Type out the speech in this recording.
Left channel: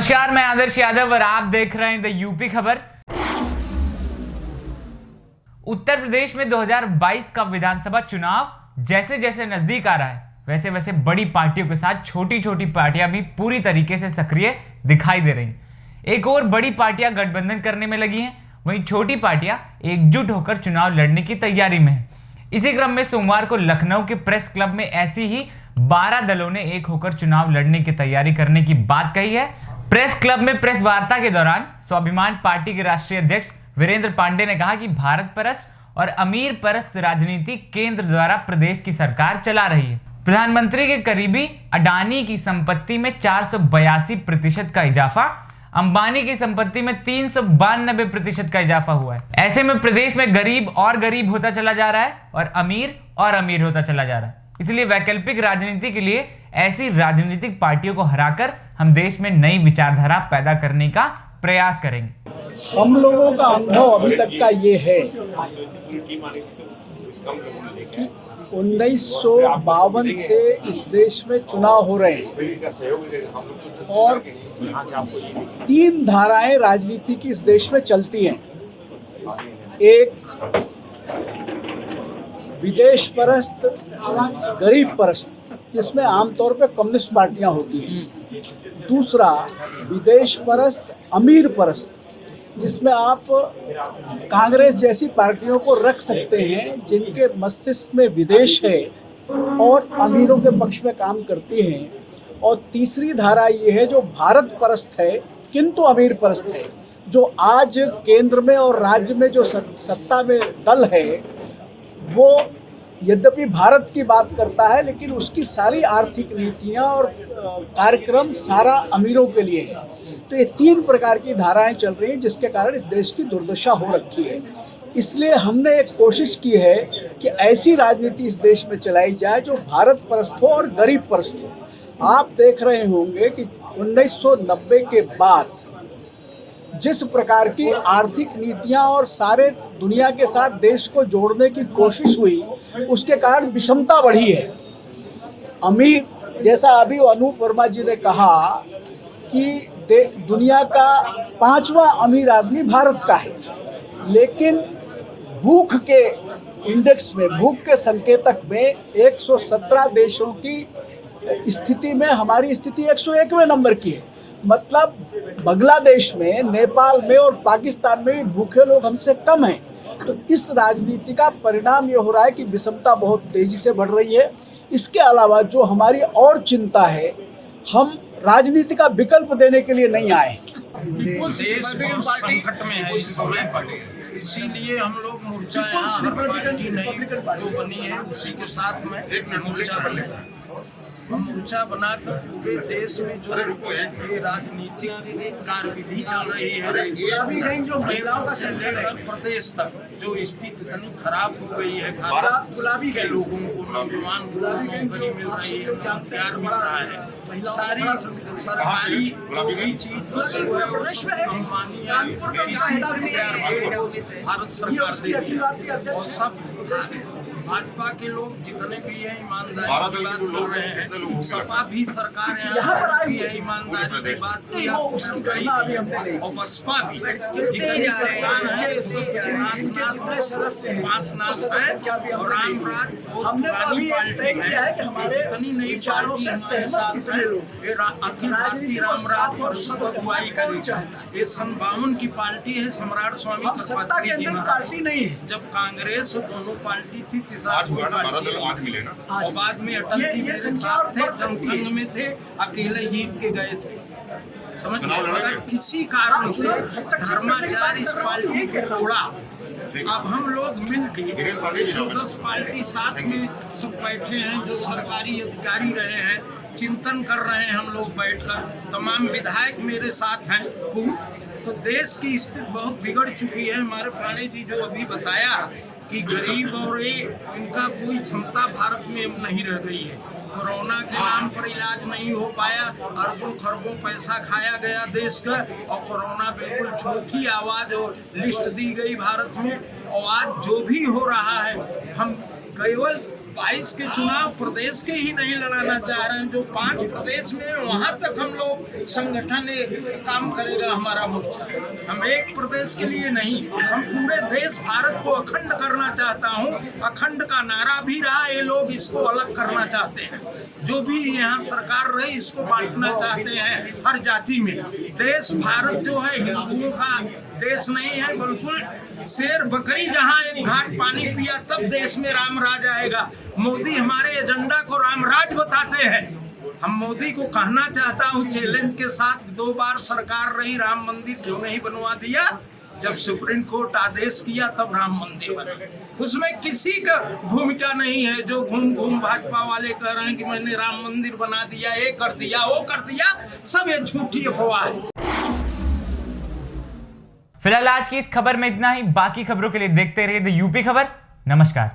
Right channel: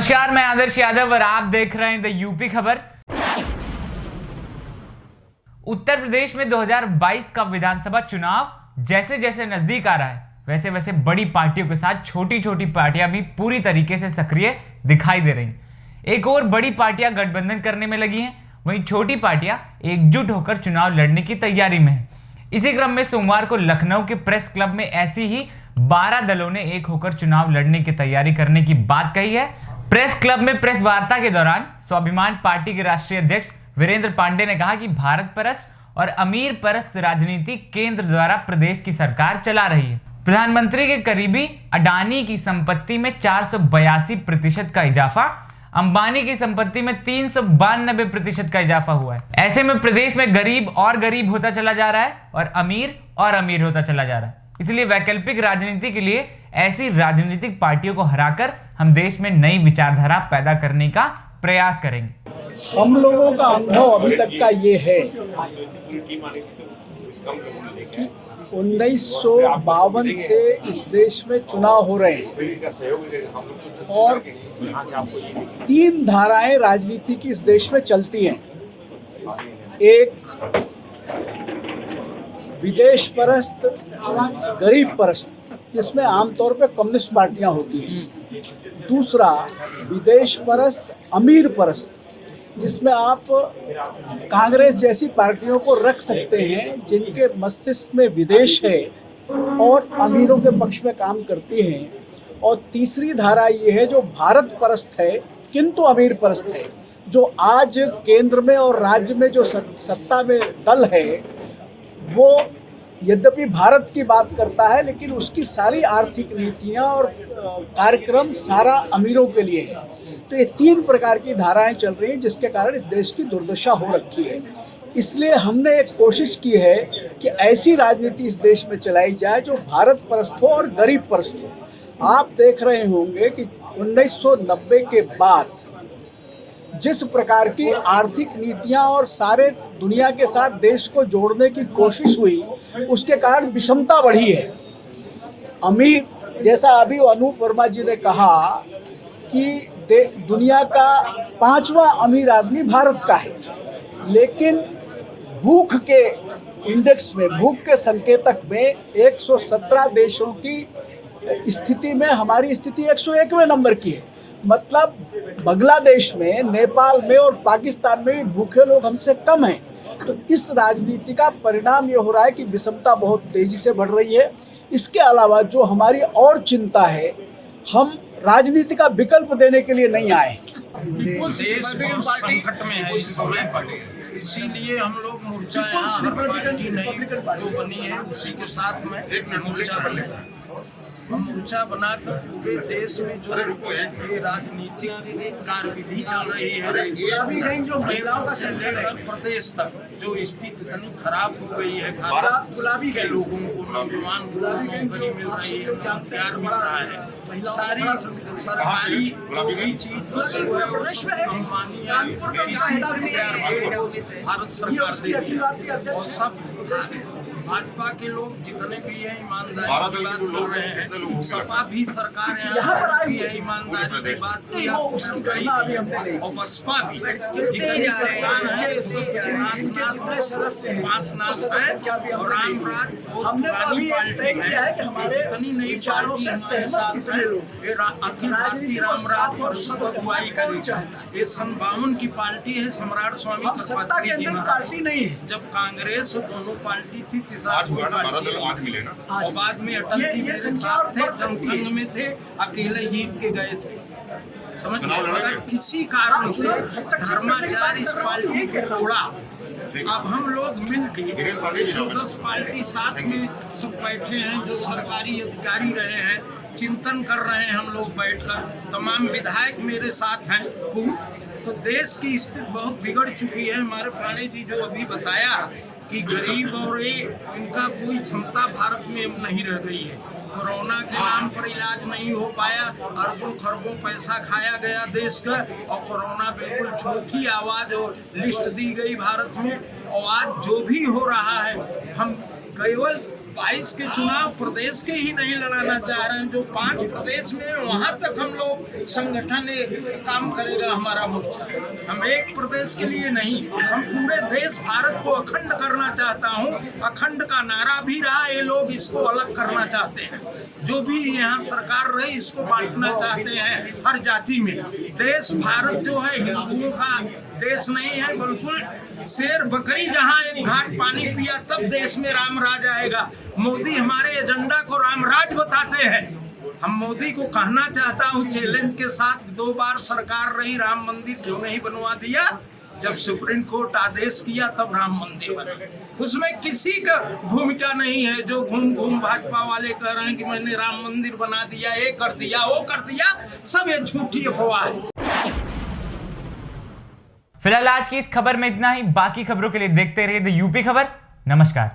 नमस्कार, मैं आदर्श यादव और आप देख रहे हैं द यूपी खबर। उत्तर प्रदेश में 2022 का विधानसभा चुनाव जैसे जैसे नजदीक आ रहा है, वैसे वैसे बड़ी पार्टियों के साथ छोटी छोटी पार्टियां भी पूरी तरीके से सक्रिय दिखाई दे रही हैं। एक और बड़ी पार्टियां गठबंधन करने में लगी हैं, वहीं छोटी पार्टियां एकजुट होकर चुनाव लड़ने की तैयारी में हैं। इसी क्रम में सोमवार को लखनऊ के प्रेस क्लब में ऐसी ही 12 दलों ने एक होकर चुनाव लड़ने की तैयारी करने की बात कही है। प्रेस क्लब में प्रेस वार्ता के दौरान स्वाभिमान पार्टी के राष्ट्रीय अध्यक्ष वीरेंद्र पांडे ने कहा कि भारत परस्त और अमीर परस्त राजनीति केंद्र द्वारा प्रदेश की सरकार चला रही है। प्रधानमंत्री के करीबी अडानी की संपत्ति में 482% का इजाफा, अंबानी की संपत्ति में 392% का इजाफा हुआ है। ऐसे में प्रदेश में गरीब और गरीब होता चला जा रहा है और अमीर होता चला जा रहा है। इसलिए वैकल्पिक राजनीति के लिए ऐसी राजनीतिक पार्टियों को हराकर हम देश में नई विचारधारा पैदा करने का प्रयास करेंगे। हम लोगों का अनुभव अभी तक का ये है कि 1952 से इस देश में चुनाव हो रहे हैं और 3 धाराएं राजनीति की इस देश में चलती हैं। एक विदेश परस्त, गरीब परस्त, जिसमें आमतौर पर कम्युनिस्ट पार्टियां होती हैं। दूसरा विदेश परस्त, अमीर परस्त, जिसमें आप कांग्रेस जैसी पार्टियों को रख सकते हैं जिनके मस्तिष्क में विदेश है और अमीरों के पक्ष में काम करती हैं। और तीसरी धारा ये है जो भारत परस्त है किंतु अमीर परस्त है, जो आज केंद्र में और राज्य में जो सत्ता में दल है वो यद्यपि भारत की बात करता है लेकिन उसकी सारी आर्थिक नीतियां और कार्यक्रम सारा अमीरों के लिए है। तो ये 3 प्रकार की धाराएं चल रही हैं जिसके कारण इस देश की दुर्दशा हो रखी है। इसलिए हमने एक कोशिश की है कि ऐसी राजनीति इस देश में चलाई जाए जो भारत परस्त हो और गरीब परस्त हो। आप देख रहे होंगे कि 1990 के बाद जिस प्रकार की आर्थिक नीतियां और सारे दुनिया के साथ देश को जोड़ने की कोशिश हुई, उसके कारण विषमता बढ़ी है। अमीर, जैसा अभी अनूप वर्मा जी ने कहा कि दुनिया का 5वां अमीर आदमी भारत का है, लेकिन भूख के इंडेक्स में, भूख के संकेतक में 117 देशों की स्थिति में हमारी स्थिति 101वें नंबर की है। मतलब बांग्लादेश में, नेपाल में और पाकिस्तान में भी भूखे लोग हमसे कम हैं। तो इस राजनीति का परिणाम ये हो रहा है कि विषमता बहुत तेजी से बढ़ रही है। इसके अलावा जो हमारी और चिंता है, हम राजनीति का विकल्प देने के लिए नहीं आए। देश बहुत संकट में है इस समय, इसीलिए हम लोग मोर्चा यहाँ हर पार्टी नई जो बनी है उसी के साथ में मोर्चा बनेगा। हम मोर्चा बनाकर पूरे देश में जो ये राजनीतिक कार्यविधि चल रही है, केंद्र से लेकर प्रदेश तक जो स्थिति इतनी खराब हो गई है, गुलाबी के लोगों को, नौजवान को नौकरी मिल रही है, रोजगार मिल रहा है, सारी सरकारी जो भी चीज कंपनियां किसी भारत सरकार दे रही है। और सब भाजपा के लोग जितने भी हैं ईमानदारी की बात कर रहे हैं, सपा भी सरकार है ईमानदारी की बात की, और बसपा भी जितनी सरकार है सब 5 नाथ है और रामराज बहुत पुरानी पार्टी है। जितनी नई पार्टी हमारे साथ है, अखिल भारतीय रामराज परिषद अगुवाई करेगी। ये 52 की पार्टी है, सम्राट स्वामी कटपत्री की पार्टी नहीं है। जब कांग्रेस दोनों पार्टी थी, और बाद में अटल जी मेरे साथ थे, जनसंघ में थे, अकेले जीत के गए थे। समझ लो, अगर किसी कारण से धर्माचार इस पार्टी को तोड़ा, अब हम लोग मिलकर जो 10 पार्टी साथ में सब बैठे हैं, जो सरकारी अधिकारी रहे हैं, चिंतन कर रहे हैं हम लोग बैठकर, तमाम विधायक मेरे साथ हैं। तो देश की स्थिति बहुत बिगड़ चुकी है। हमारे पांडे जी जो अभी बताया कि गरीब और इनका कोई क्षमता भारत में नहीं रह गई है। कोरोना के नाम पर इलाज नहीं हो पाया, अरबों खरबों पैसा खाया गया देश का, और कोरोना बिल्कुल छोटी आवाज और लिस्ट दी गई भारत में। और आज जो भी हो रहा है, हम केवल 22 के चुनाव प्रदेश के ही नहीं लड़ाना चाह रहे हैं, जो 5 प्रदेश में वहां तक हम लोग संगठन काम करेगा हमारा मोर्चा। हम एक प्रदेश के लिए नहीं, हम पूरे देश भारत को अखंड करना चाहता हूं। अखंड का नारा भी रहा, ये लोग इसको अलग करना चाहते हैं। जो भी यहाँ सरकार रही इसको बांटना चाहते हैं हर जाति में। देश भारत जो है हिंदुओं का देश नहीं है, बिल्कुल शेर बकरी जहाँ एक घाट पानी पिया तब देश में राम राज आएगा। मोदी हमारे एजेंडा को रामराज बताते हैं। हम मोदी को कहना चाहता हूँ चैलेंज के साथ, 2 बार सरकार रही, राम मंदिर क्यों नहीं बनवा दिया? जब सुप्रीम कोर्ट आदेश किया तब राम मंदिर बना। उसमें किसी का भूमिका नहीं है। जो घूम घूम भाजपा वाले कह रहे हैं कि मैंने राम मंदिर बना दिया, ये कर दिया, वो कर दिया, सब ये झूठी अफवाह है। फिलहाल आज की इस खबर में इतना ही। बाकी खबरों के लिए देखते रहिए द यूपी खबर। नमस्कार।